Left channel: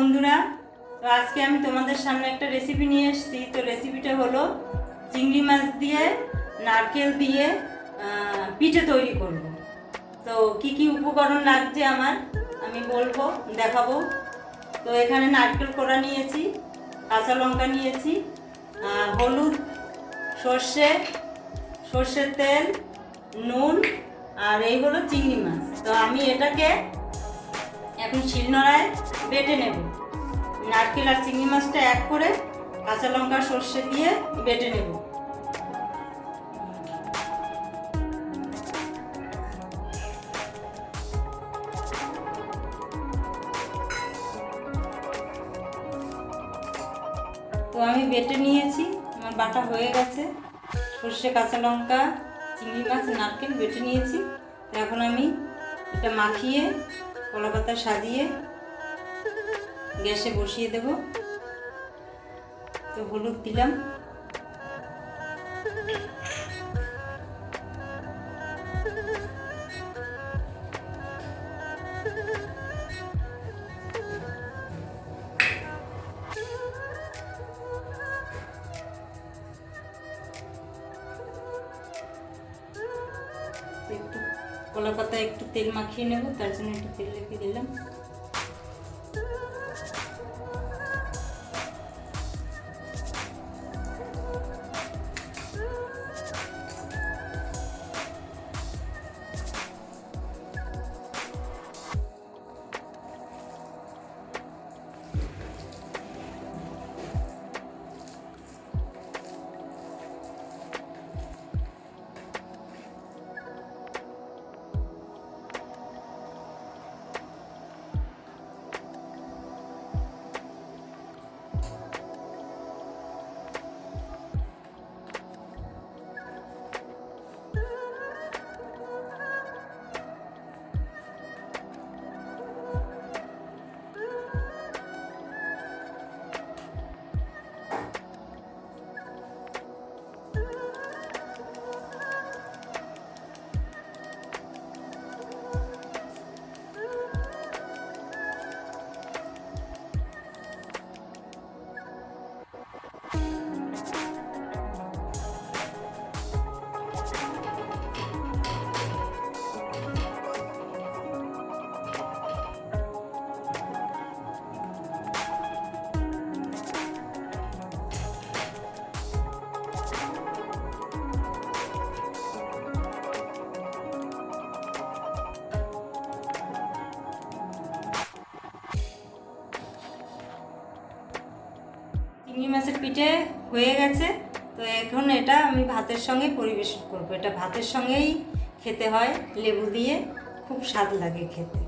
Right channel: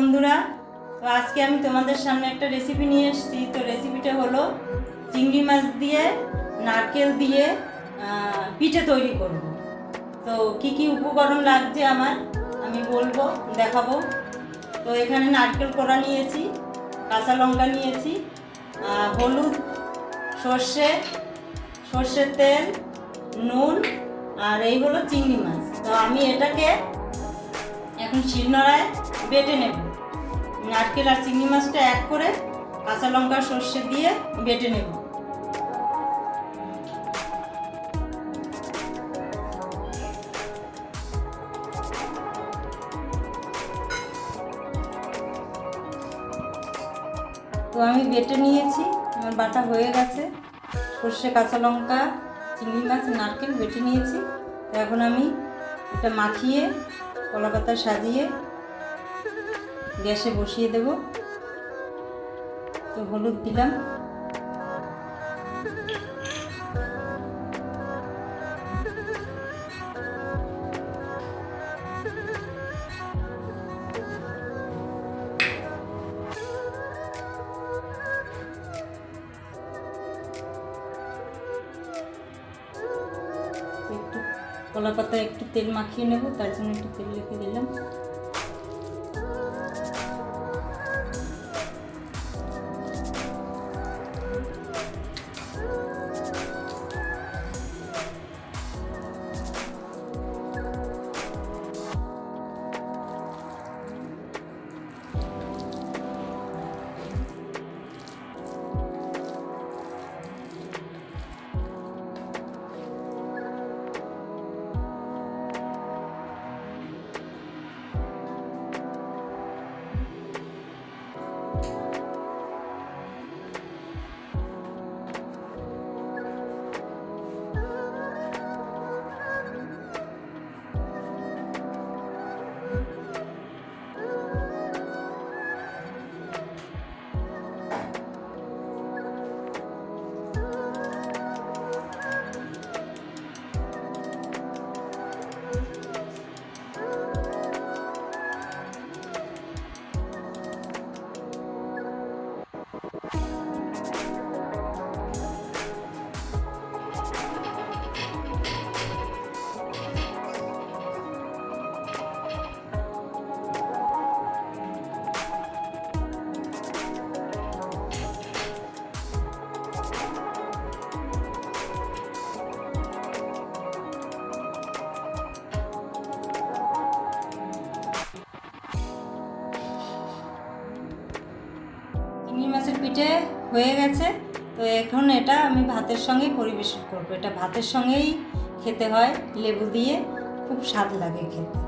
বন্ধুরা, তো আজকে আমি তোমাদের সামনে একটা রেসিপি নিয়ে এসেছি। তো রেসিপিটা হলো চিংড়ি মাছ দিয়ে নারকেল দিয়ে পিঠে তৈরি করব। তো কি কি উপকরণ লাগছে আমি বলবো, দেখাবো। তো এখানে নারকেল কোড়া নিয়েছি, কাঁচা লঙ্কা নিয়েছি, হলুদ, সর্ষের তেল, নুন, আর এই হলো চিংড়ি মাছ। তো আমি এটাকে এখন শিলনোড়ায় বেটে নেব। নারকেল আর চিংড়ি মাছটা এক করে কাঁচা লঙ্কা সর্ষে দিয়ে বেটে নেব। তো আমি বেটে নিয়েছি, আমার বাটা হয়ে গেছে। সর্ষে, কাঁচা লঙ্কা, চিংড়ি মাছ, নারকেল বেটে নিয়েছি। তো এখন আমি এটা মাখিয়ে কলা পাতায় সাজিয়ে গ্যাসে বসিয়ে দেব। তো হলুদ দিলাম, একটু কলা পাতায় একটু তেল মাখিয়ে নেব, তার জন্য একটু তেল রেখে দিলাম। চিংড়ি মাছের পিঠে হয়ে গেছে। তো এখন এটা আমি ভাতের সঙ্গে পরিবেশন করবো। এটা ভাতের সঙ্গেই খেতে হয়, লেবু দিয়ে খুব স্বাদ লাগে খেতে।